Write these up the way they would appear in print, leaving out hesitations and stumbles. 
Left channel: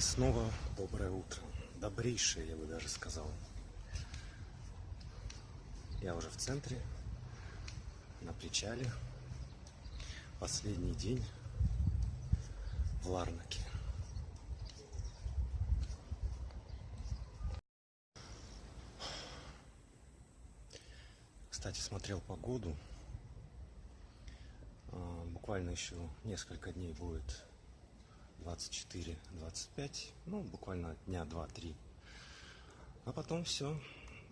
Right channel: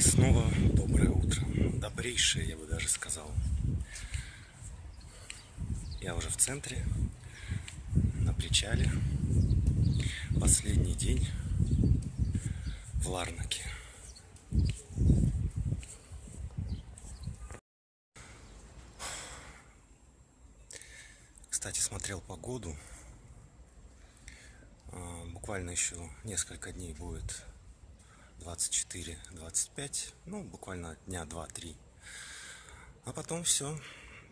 И снова доброе утро. Добрейшее, я бы даже сказал. Я уже в центре, на причале. Последний день в Ларнаке. Кстати, смотрел погоду. Буквально еще несколько дней будет 24-25, ну, буквально дня 2-3. А потом все,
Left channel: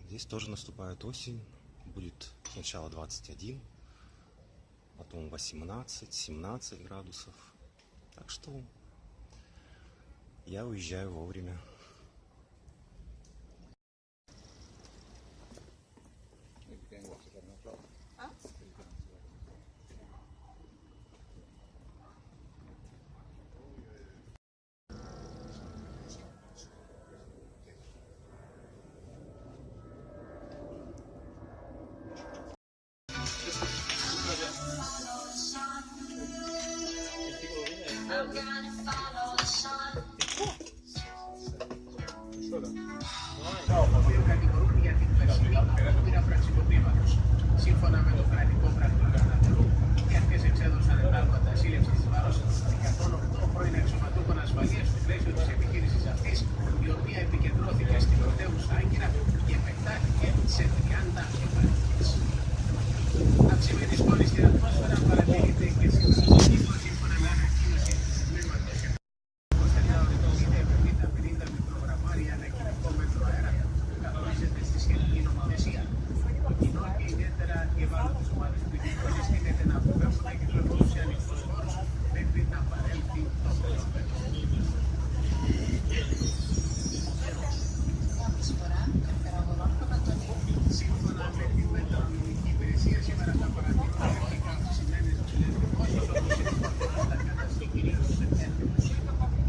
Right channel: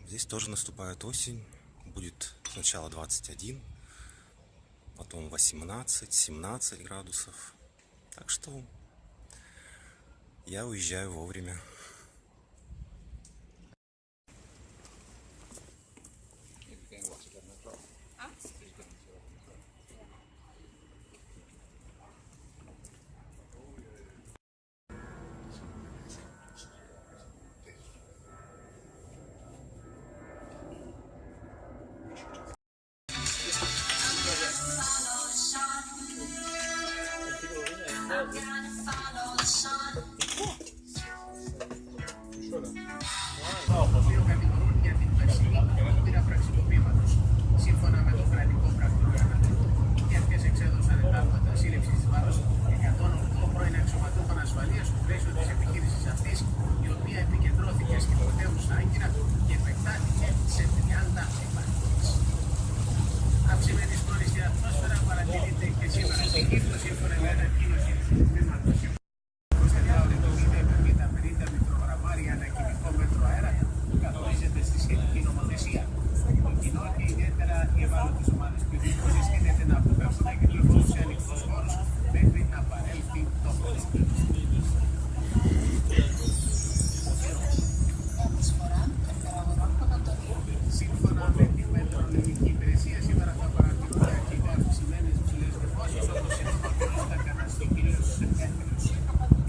здесь тоже наступает осень. Будет сначала 21, потом 18-17 градусов. Так что я уезжаю вовремя. Σύμφωνα με το κρατικό γραφείο Ανατολού, οι αρχές εξέδωσαν πράγματα σύλληψης βάρος 108 πρώην αξιωματούχων ασφαλείας στο πλαίσιο της επιχείρησης αυτής, η οποία επικεντρώθηκε στην πρωτεύουσα Άγκυρα και επεκτάθηκε σε 30 επαρχίες. Αυξημένης πόλης στην ατμόσφαιρα παρατηρείται και σήμερα στην Κύπρο, σύμφωνα με ανακοίνωση του τμήματος ότι το 50 μικρογραμμάρια ανά κυβικό μέτρο αέρα καθορίζεται στη σχετική νομοθεσία. Το κοινό και ιδιαίτερα οι ευάλωτες ομάδες πληθυσμού συστήνεται να αποφεύγουν να κυκλοφορούν σε ανοιχτούς χώρους μέχρι να παρέλθει το φαινόμενο. Σύμφωνα με τη μετεωρολογική υπηρεσία, σήμερα θα παρατηρούνται αρχικά αυξημένες ψηλές νεφώσεις όπως είναι στην Κύπρο, κανάς και κυρίως στους Σεπτέμβριους.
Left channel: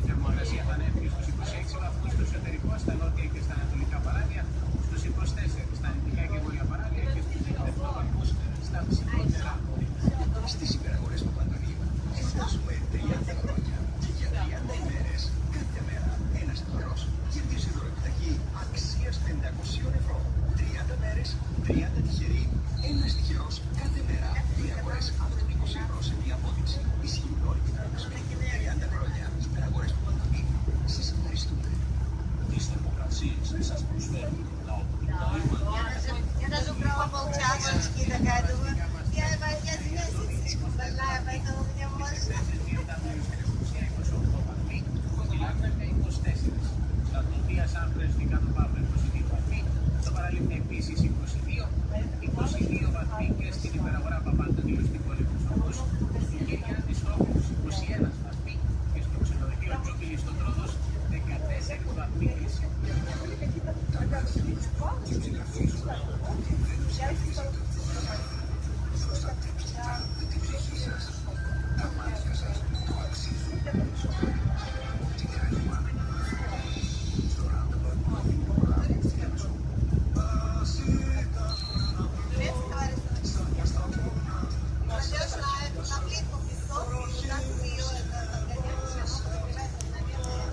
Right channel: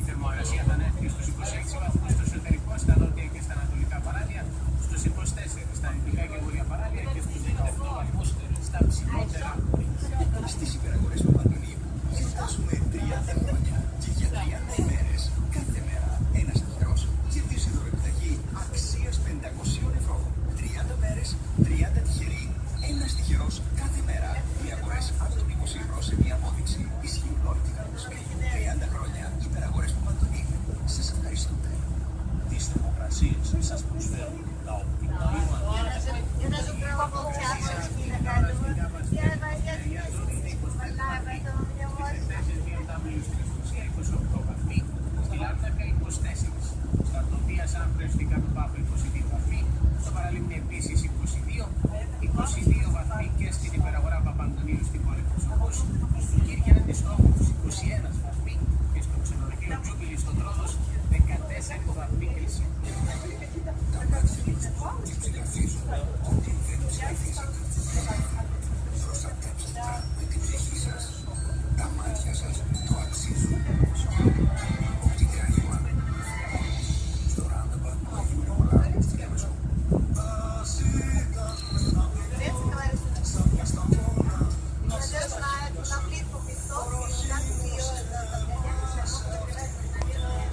Η θερμοκρασία θα ανέβει στους 26 βαθμούς στο εσωτερικό, στα νότια και στα ανατολικά παράλια, στους 24 στα δυτικά και βόρεια παράλια και στους 18 βαθμούς στα ψηλότερα όρια. Στις υπεραγορές Παπαντονίου γιορτάζουμε 30 χρόνια και για 30 ημέρες κάθε μέρα ένας τυχερός κερδίζει δωρεπιταγή αξίας 500 ευρώ. 30 μέρες, 30 τυχεροί, ένας τυχερός κάθε μέρα. Οι αγορές από τον 20 ευρώ σε μια απόδειξη ισχύουν όλη την Ανατολή. 30 χρόνια υπεραγορές Παπαντονίου. Σας ευχαριστούμε. Τις θερμοκρασίες δεν σας προσφέρουν τα οπτικά Я даже прямо молчала, очки загадываю. Я поэтому мне можно. Στη Λάρνακα 24. Στα Τούτια, Σάμπρες, στην Καποπάπε 22 βαθμοί. Στο Παραλίμνη επίσης 22. 22 βαθμοί και στην υπεραγορά Παπαντονίου στην πόλη Κωνσταντούς. Στην Κύρια της Στόχου 21 βαθμοί και στο ξενοδοχείο Τσούκυλη στον Τρόδος 14 βαθμοί Κελσίου. Молодежь на плитку песок, и так ее подгонять, оно подбирает мгновенно.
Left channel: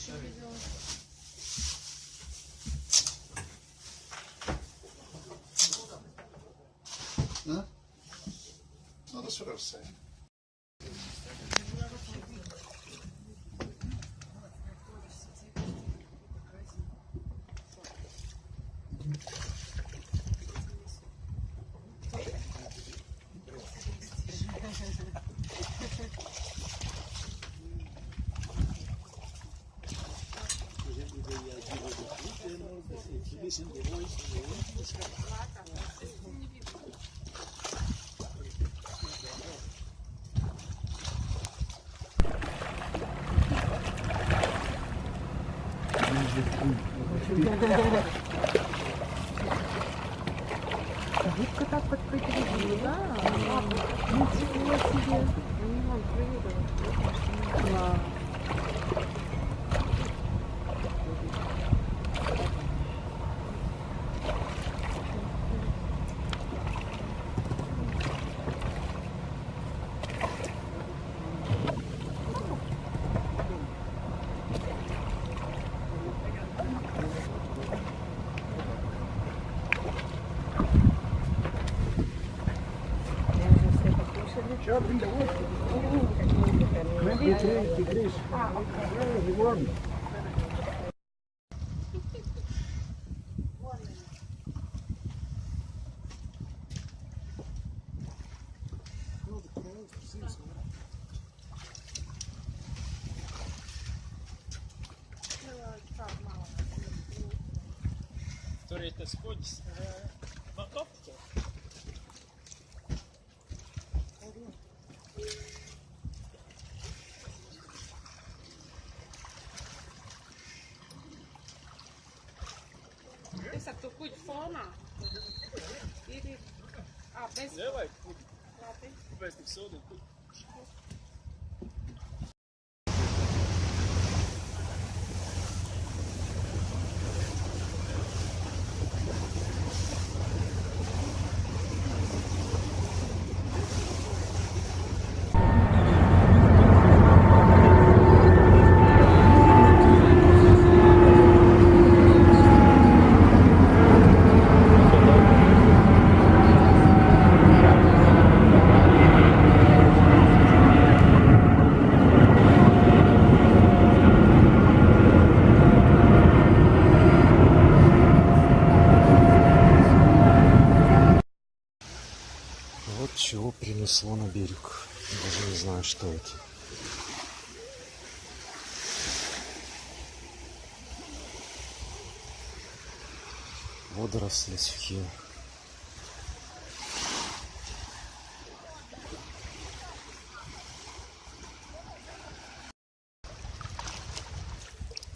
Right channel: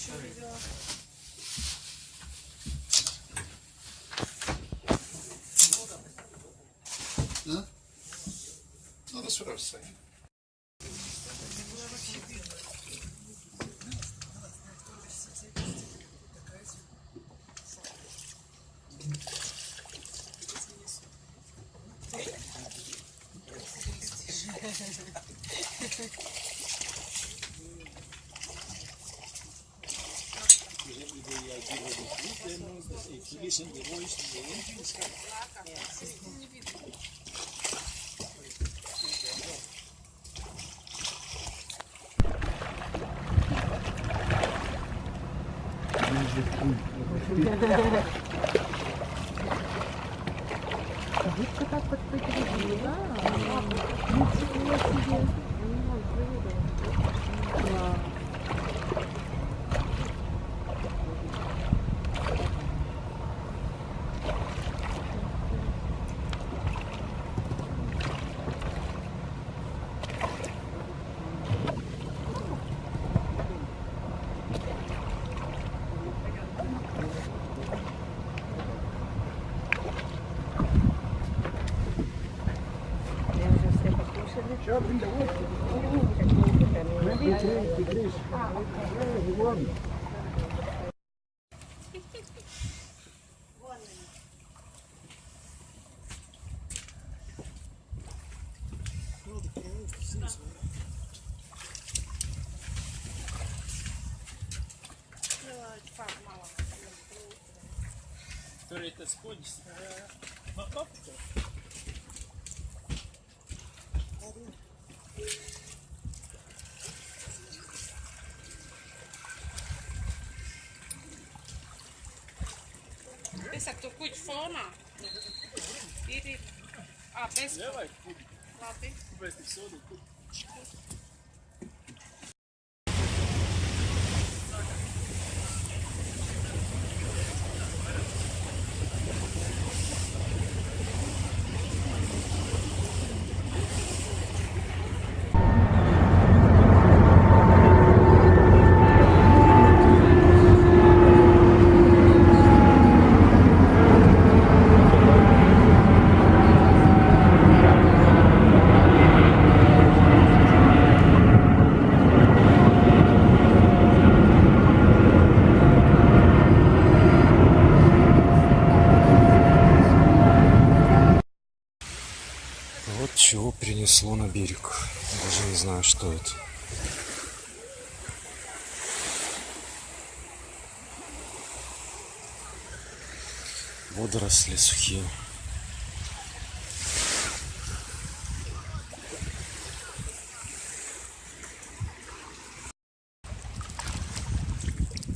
еще видела. That's what I was saying. Губка так подпрыгивает, да? Ничего себе. Они вон прыгают. Да. Torreta Spodes, óptica. Essa tu cuide fona. Iri. Ah, bez. Ne var? Labi. Pēc soda. Вот чего принесло на берег. Даже не знаю, что это. Водоросли сухие.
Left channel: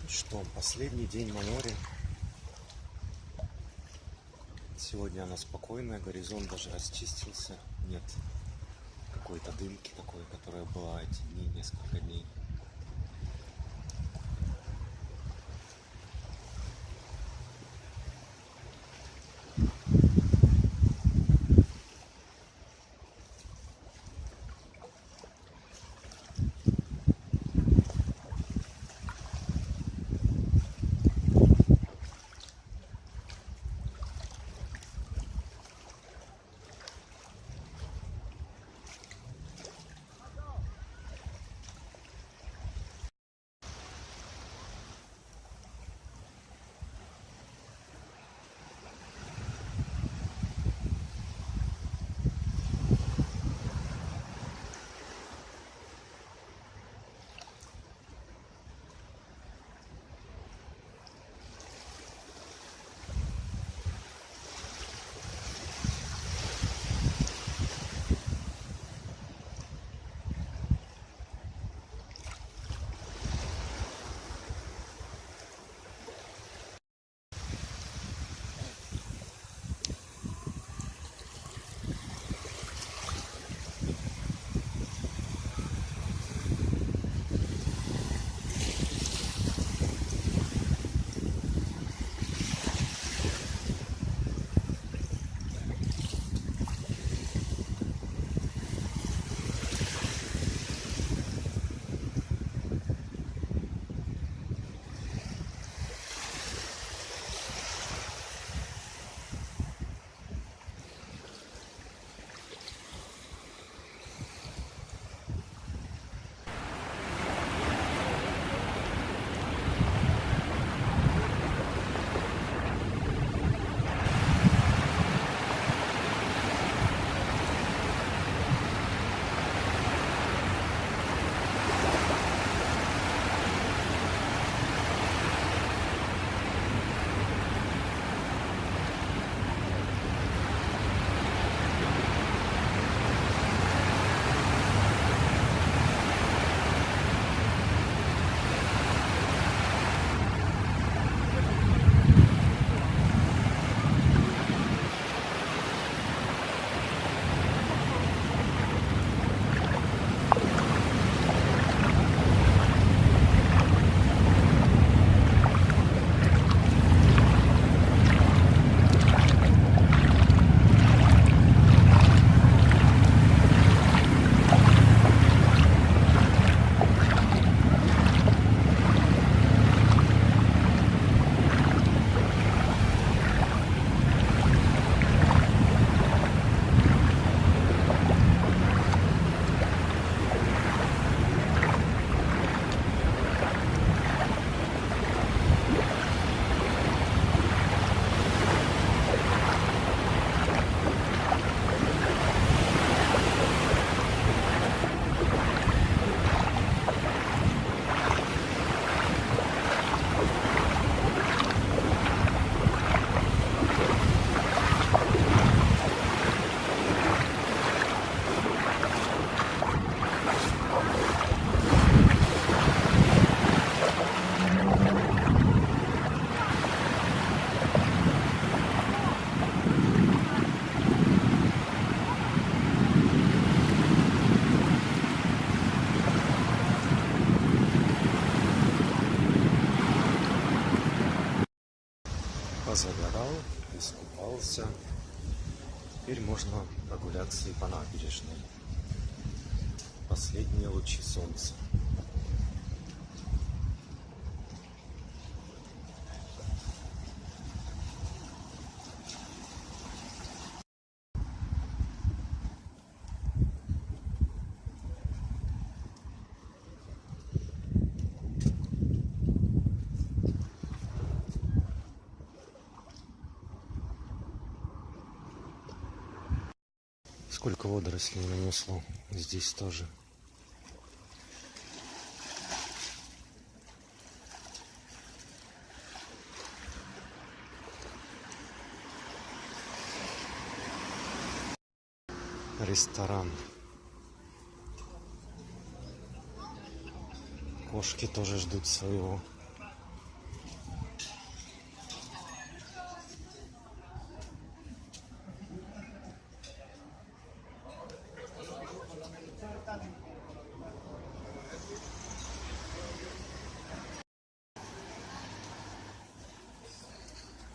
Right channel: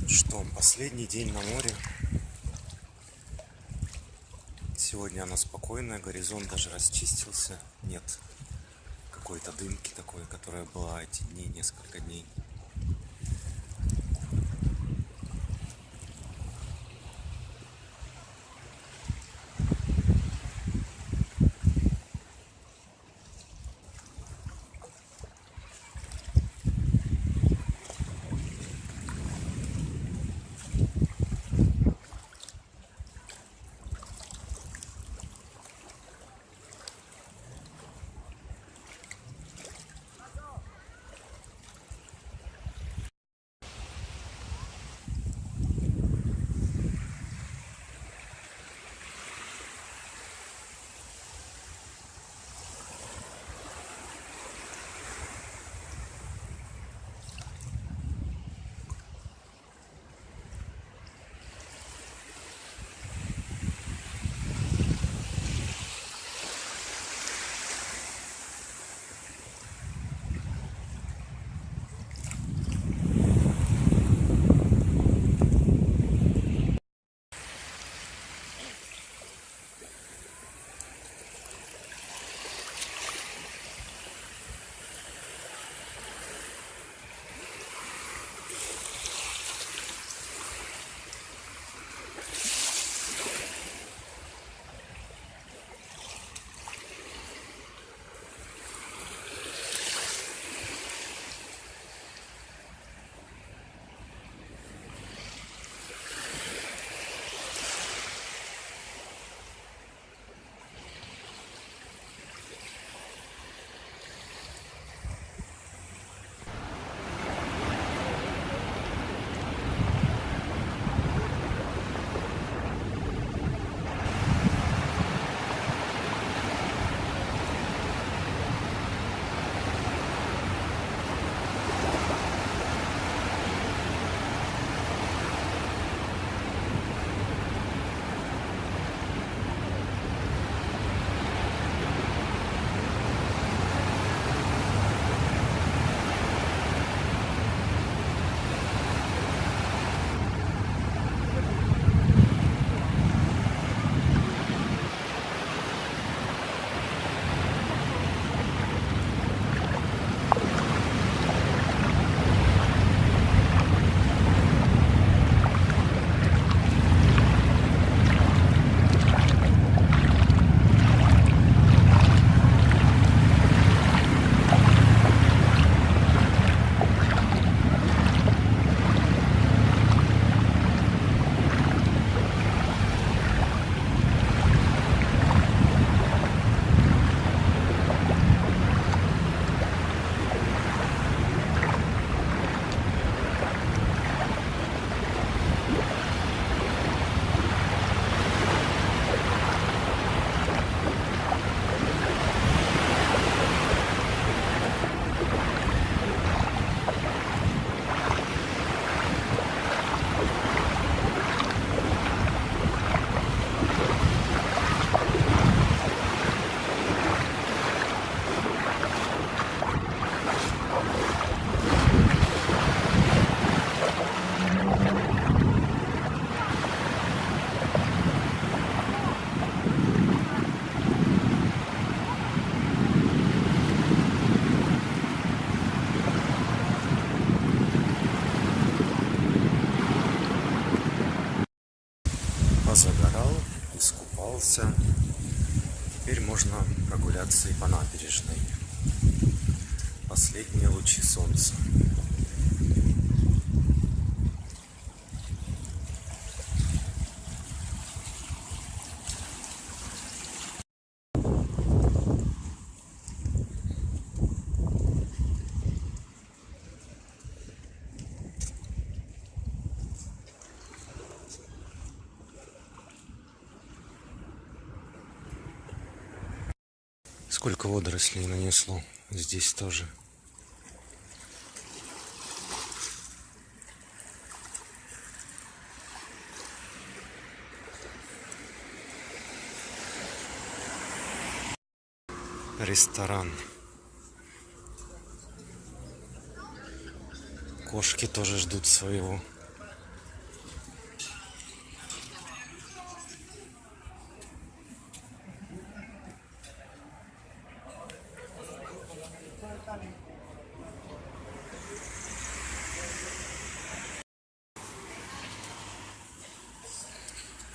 Что, последний день на море. Сегодня оно спокойное, горизонт даже расчистился. Нет какой-то дымки такой, которая была эти дни, несколько дней. наесся. Теперь можно прогуляться и по набережной. Последние лучи солнца. Сколько водорослей нанесло. Здесь тоже. Ресторан. Кошки тоже ждут своего.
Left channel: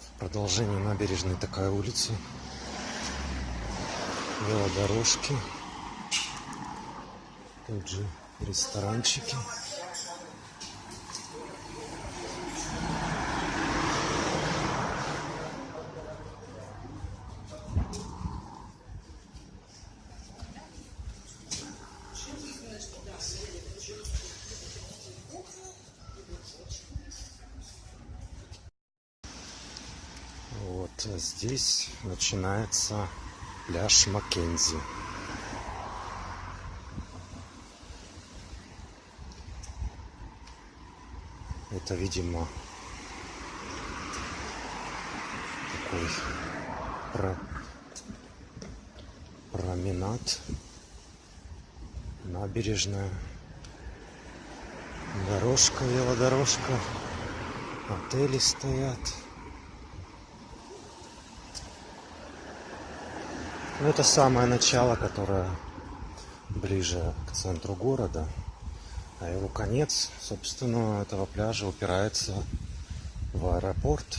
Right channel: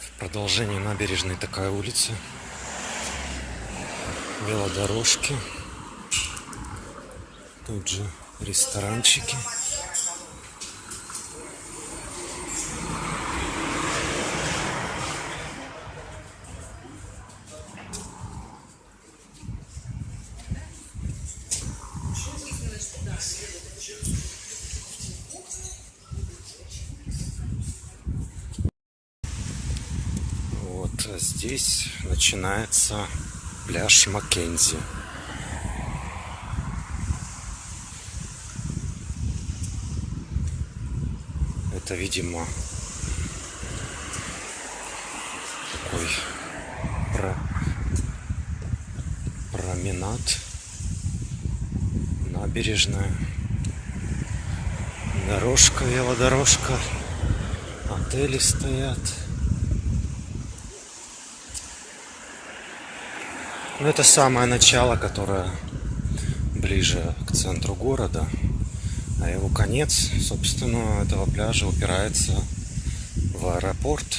В продолжении набережной такая улица. Велодорожки. Тут же ресторанчики. Вот здесь начинается пляж Маккензи. Это, видимо, такой променад, набережная, дорожка, велодорожка, отели стоят. Ну, это самое начало, которое ближе к центру города. А его конец, собственно, этого пляжа упирается в аэропорт.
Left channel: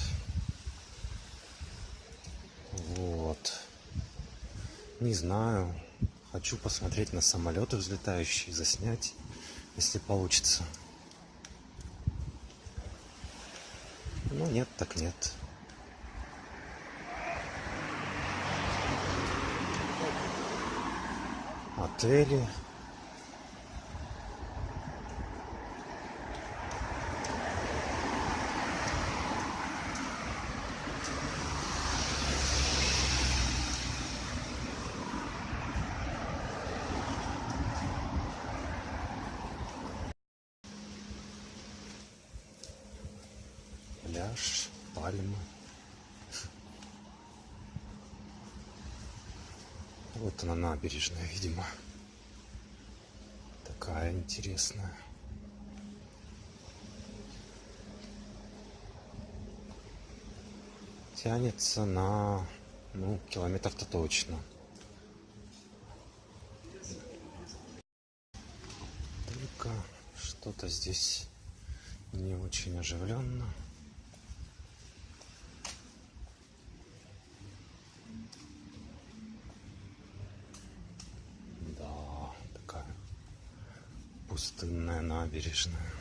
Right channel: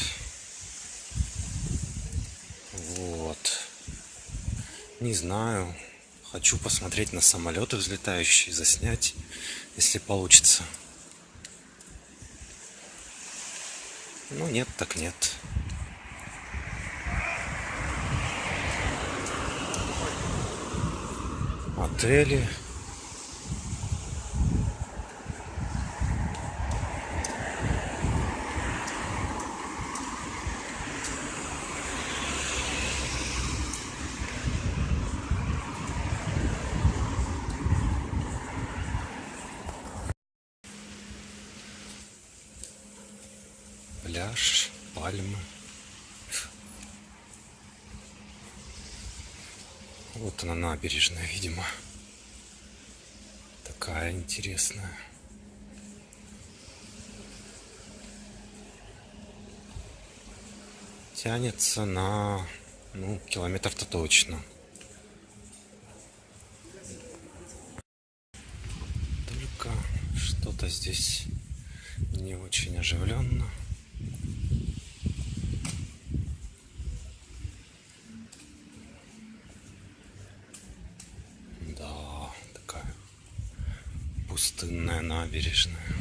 Вот. Не знаю. Хочу посмотреть на самолеты взлетающие, заснять, если получится. Ну, нет, так нет. Отели. Пляж, пальмы. Вот она, набережная, видимо. Такая интересная. Тянется на, километр-то точно. Только что-то здесь не очень оживленно. Пустынная набережная.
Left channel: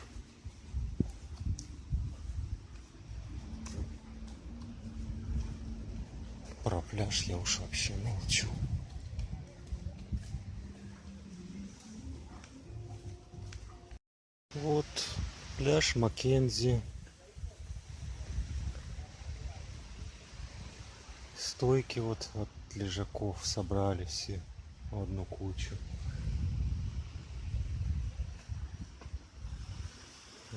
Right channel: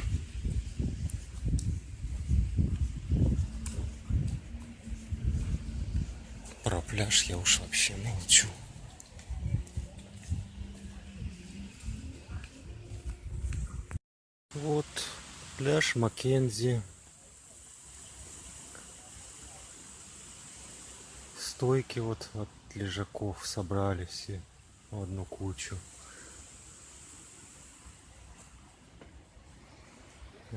Про пляж я уж вообще молчу. Вот пляж Маккензи. Стойки вот от лежаков собрали все в одну кучу.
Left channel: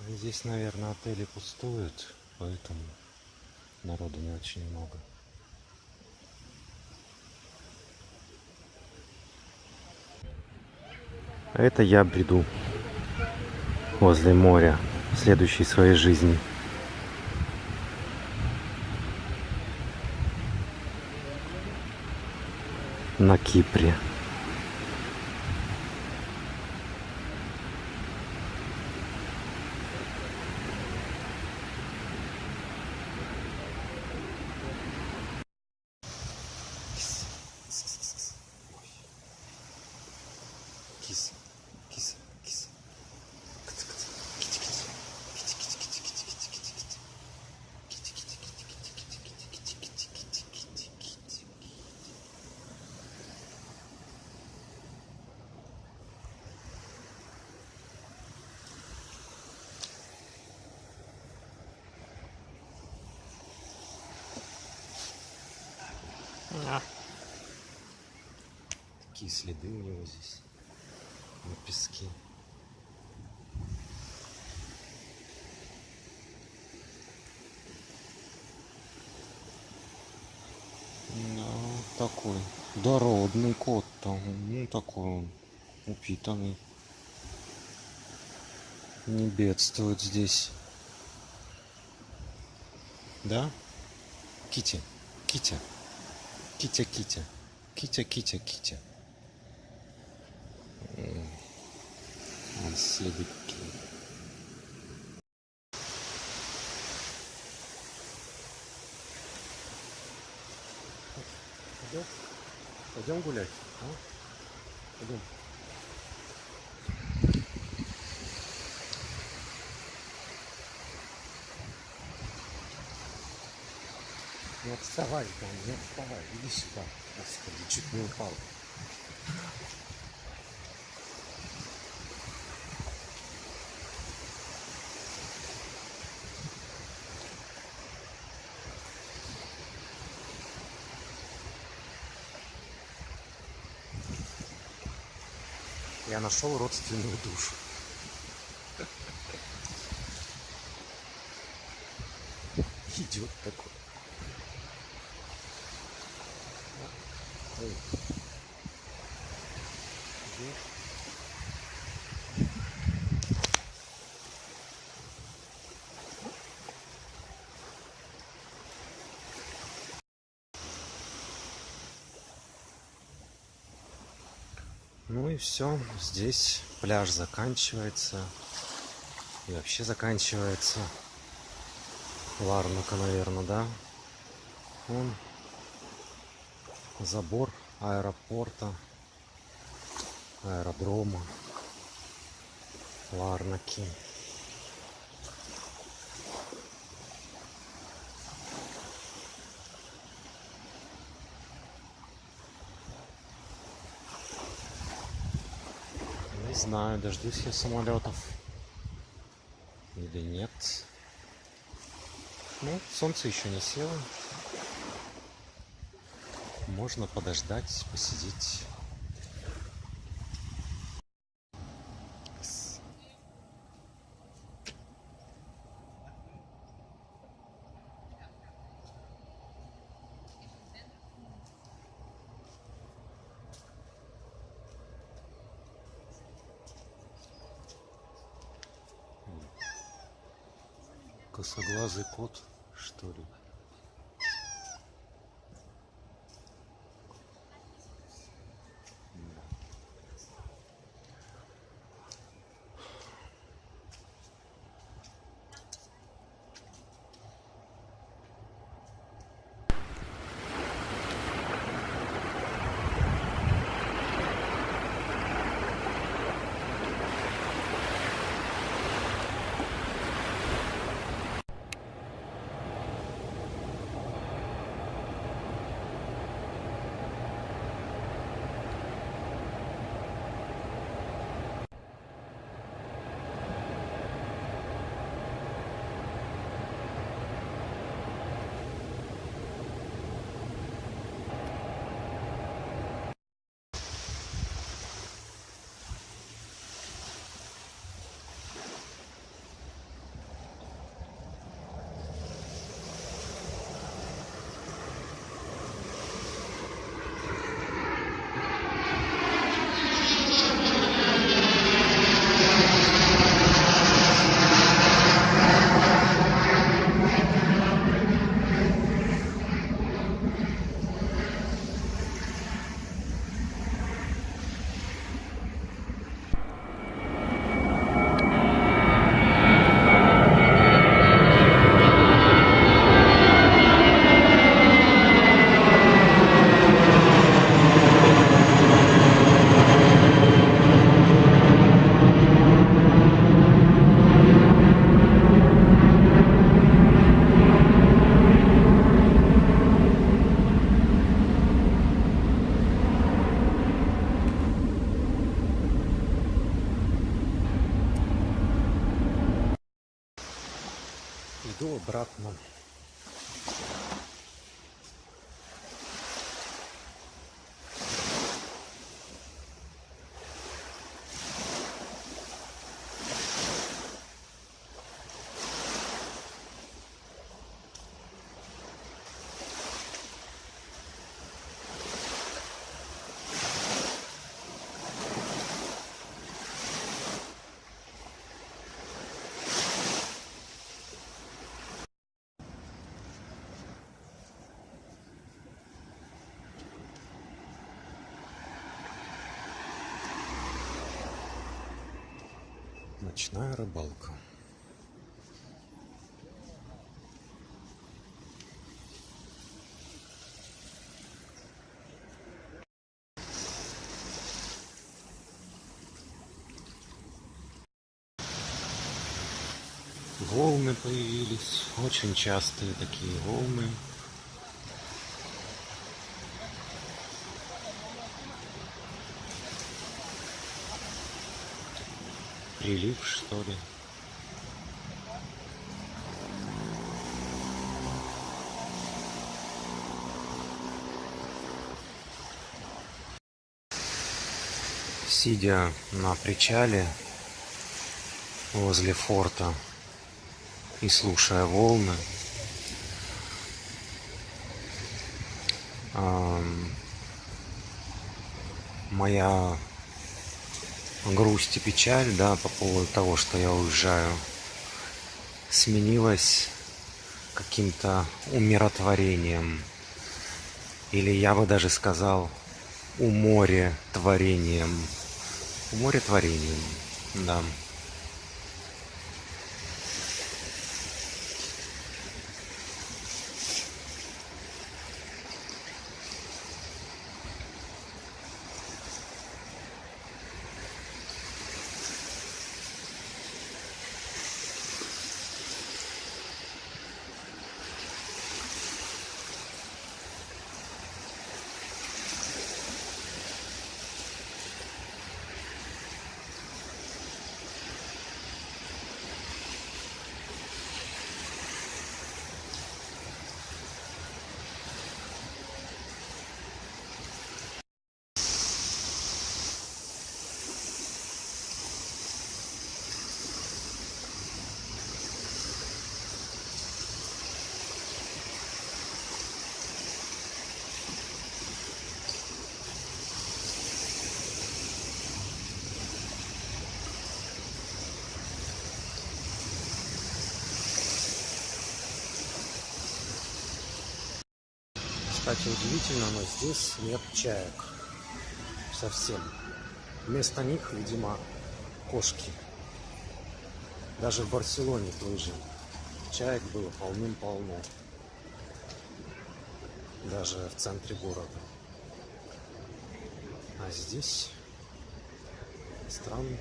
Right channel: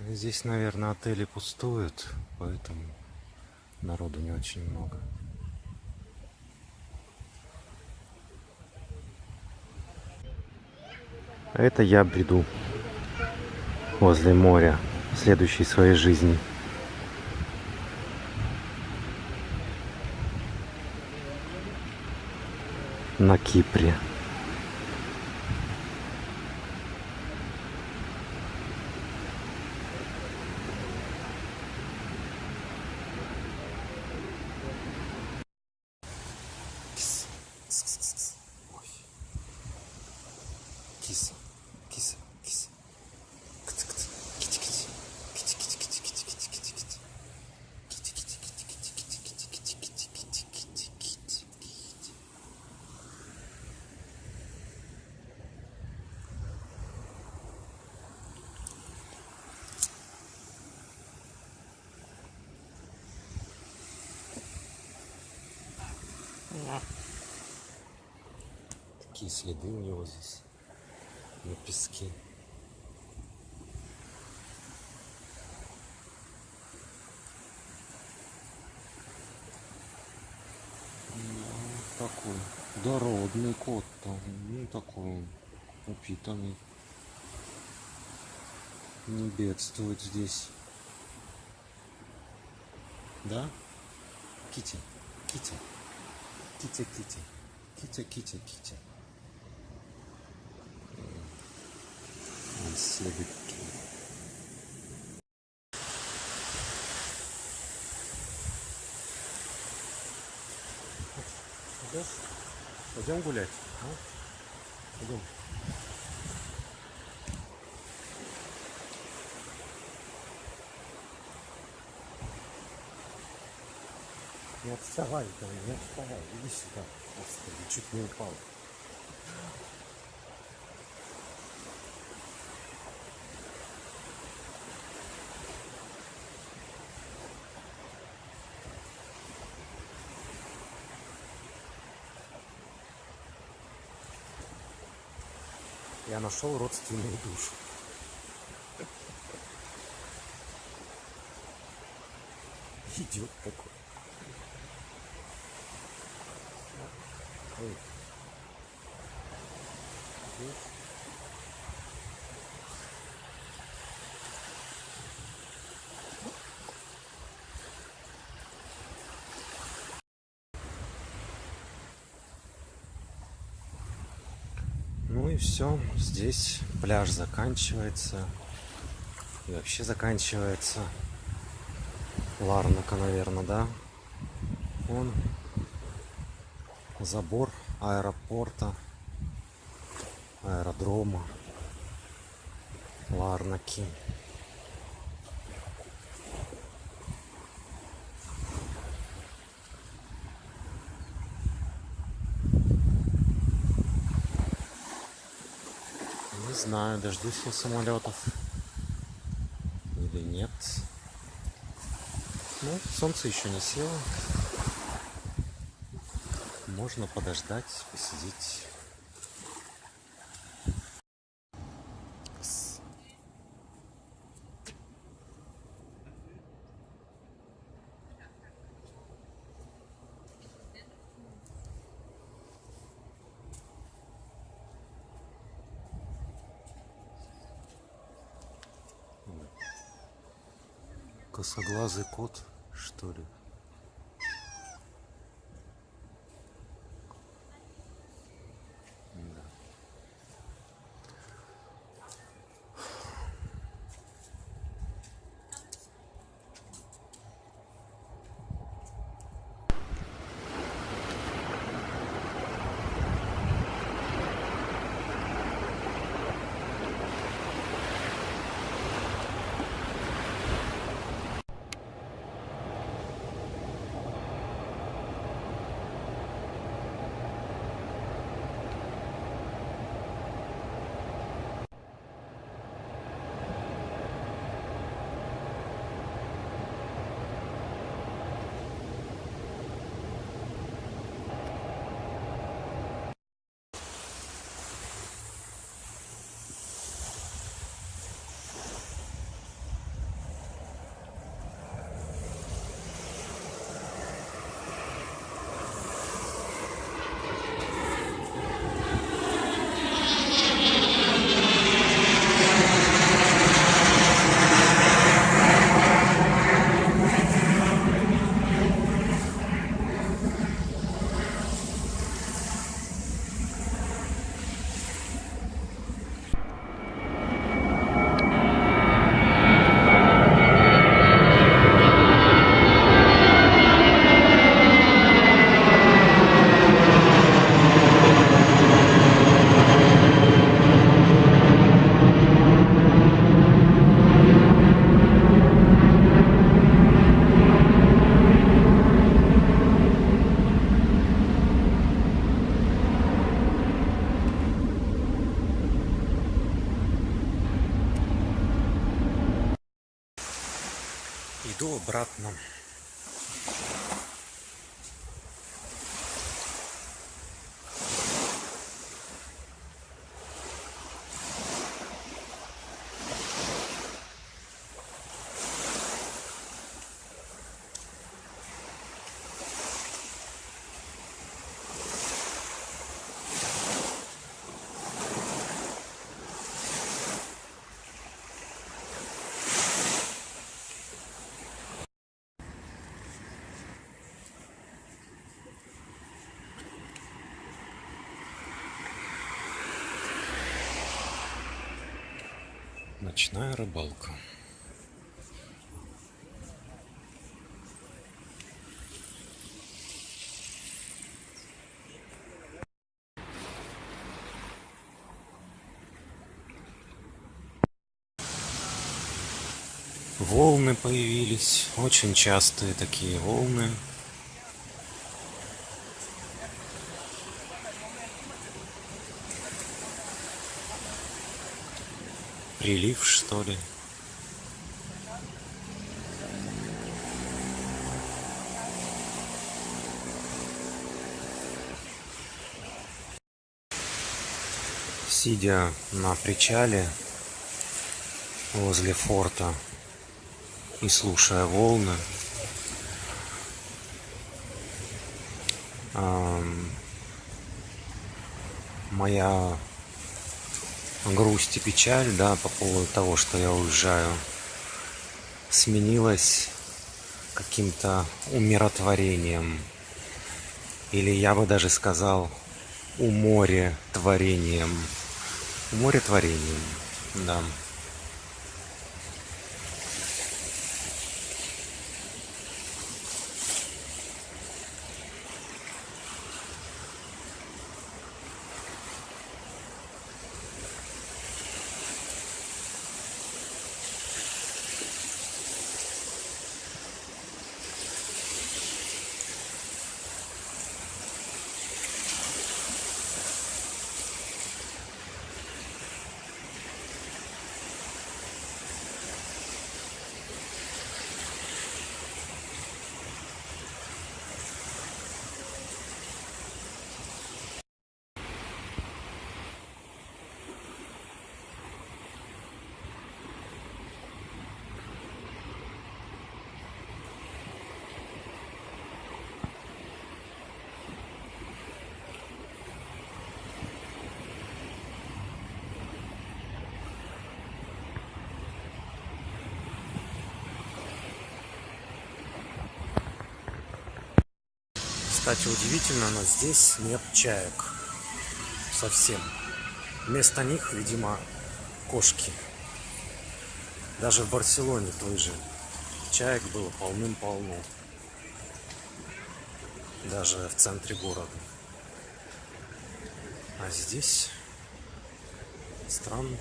Здесь, наверное, отели пустуют, поэтому народу не очень много. А это я бреду возле моря, следующей своей жизни. На Кипре. Такие следы у него здесь на песке. Ну, такой дородный кот там, ну такой он упитанный. Не бедствует здесь. Да? Китя, Китя, Китя, Китя, Китя, Китя, Китя. Следы какие. Пойдем гулять, а? Пойдем. Не отставай, там, не отставай, иди сюда. Господи, чуть не упал. Я нашел родственную душу. Идет такой. Ой. Ну и все, здесь пляж заканчивается. И вообще заканчивается Ларнака, наверное, да? Вон забор аэропорта, аэродрома Ларнаки. Не знаю, дождусь я самолетов или нет. Ну, солнце еще не село. Можно подождать, посидеть. Косоглазый кот, что ли? Да. Иду обратно. Ночная рыбалка. Волны появились, очень частые такие волны. Прилив, что ли? Сидя на причале возле форта и слушая волны, моя грусть и печаль, да, по поводу того, что я уезжаю, сменилась каким-то умиротворением. Или я бы даже сказал, уморотворением. Уморотворением, да. Кстати, удивительно, но здесь нет чаек. Совсем. Вместо них, видимо, кошки. Даже в Барселоне той же чаек было полным-полно. Даже в центре города. А здесь странно.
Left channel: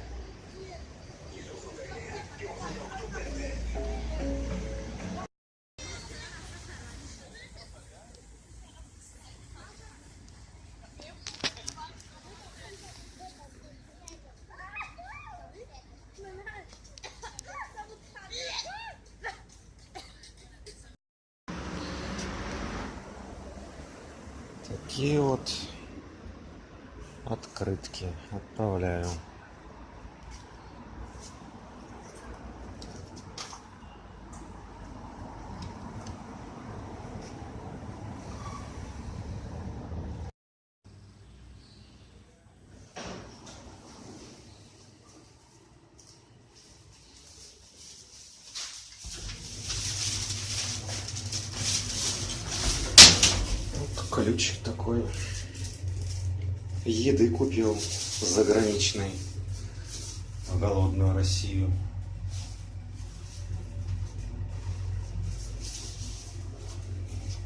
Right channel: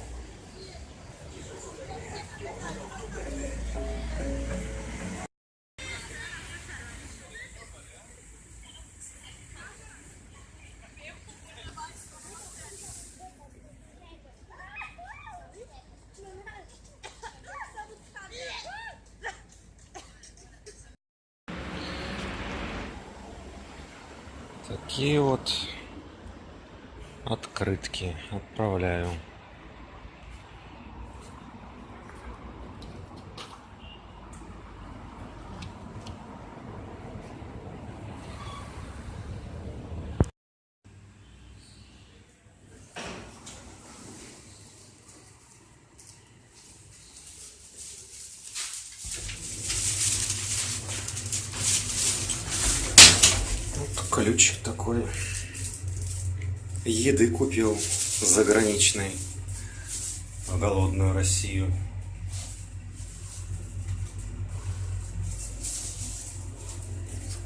Такие вот открытки отправляю. Вот ключик такой. Еды купил заграничной в голодную Россию.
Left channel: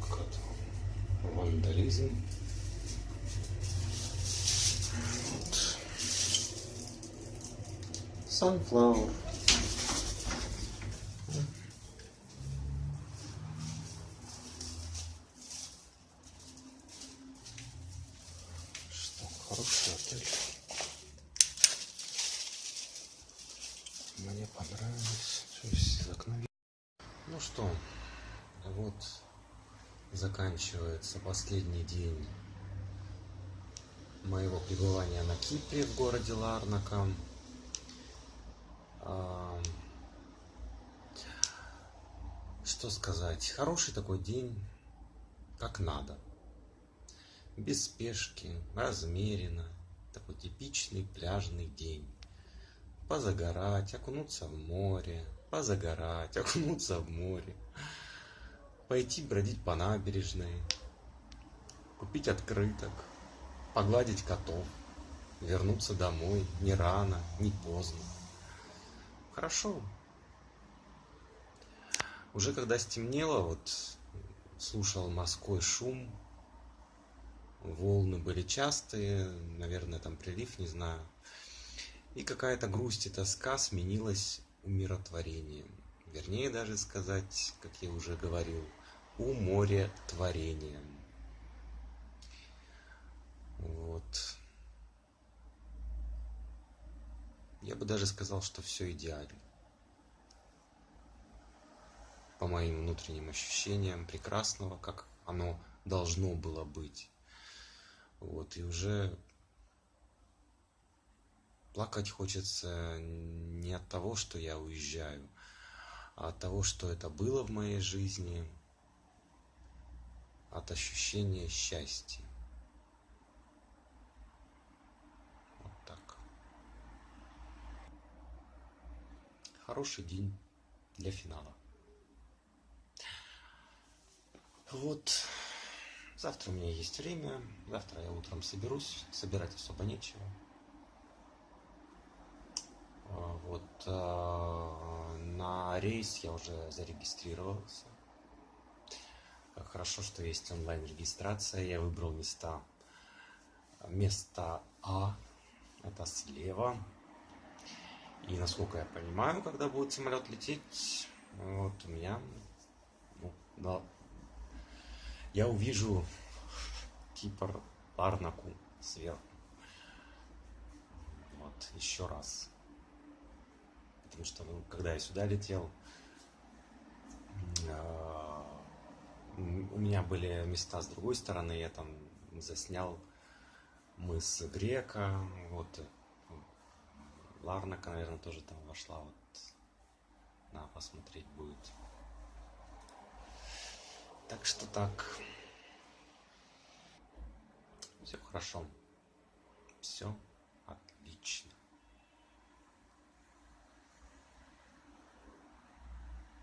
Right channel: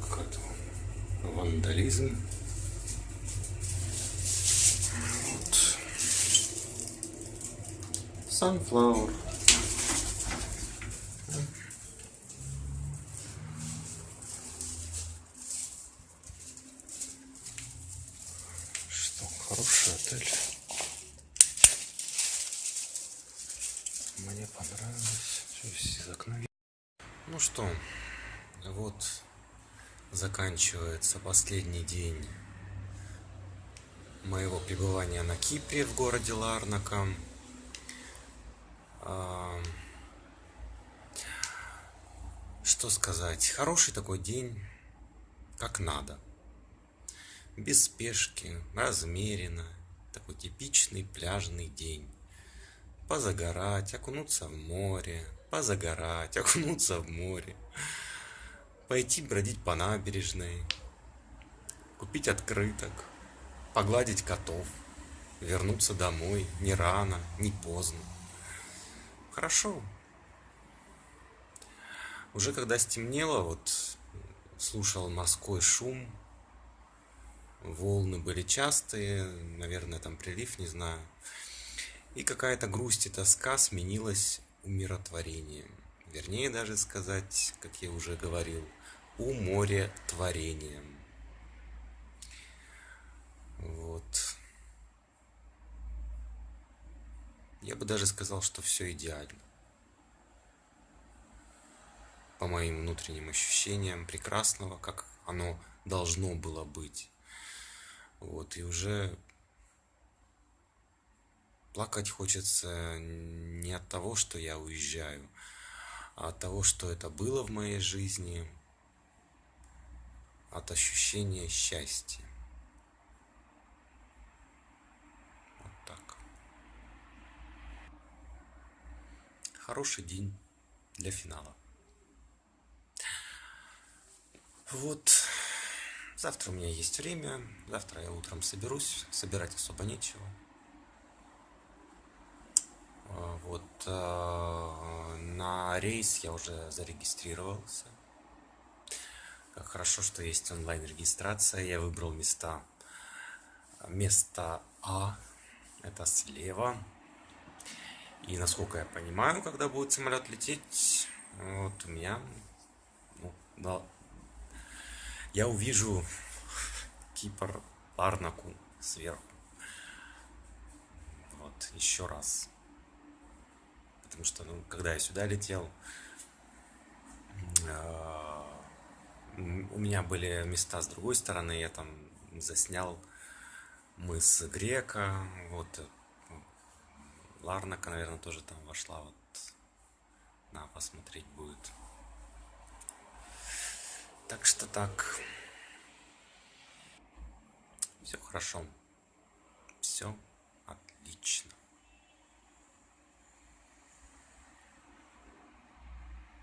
Какой-то вандализм. Вот. Sunflower. Хороший отель. Мне понравилось. Все из окна. Ну что, вот заканчивается последний день моего пребывания на Кипре в городе Ларнака. Что сказать? Хороший такой день, как надо. Без спешки, размеренно. Такой типичный пляжный день. Позагорать, окунуться в море. Позагорать, окунуться в море. Пойти бродить по набережной. Купить открыток. Погладить котов. Вернуться домой. Не рано, не поздно. Хорошо. Уже когда стемнело, вот слушал морской шум, волны были частые, наверное, там прилив, не знаю. И какая-то грусть и тоска сменилась умиротворением. Вернее даже сказать, как я уже говорил, уморотворением. Вот. Я бы даже сказал, что все идеально. По моим внутренним ощущениям прекрасного, как оно должно было быть. Вот, и уже плакать хочется не от того, что я уезжаю, а от того, что это было в моей жизни, от ощущения счастья. Вот так. Хороший день для финала. Вот. Завтра у меня есть время. Завтра я утром соберусь. Собирать особо нечего. Вот. На рейс я уже зарегистрировался. Как хорошо, что есть онлайн-регистрация. Я выбрал место А. Это слева. И насколько я понимаю, когда будет самолет лететь, вот у меня, да, я увижу Кипр, Ларнаку сверху. Вот, еще раз. Потому что, когда я сюда летел, у меня были места с другой стороны, я там заснял мыс Грека, вот, Ларнака, наверное, тоже там вошла, вот, надо посмотреть будет. Так что так. Все хорошо. Все отлично.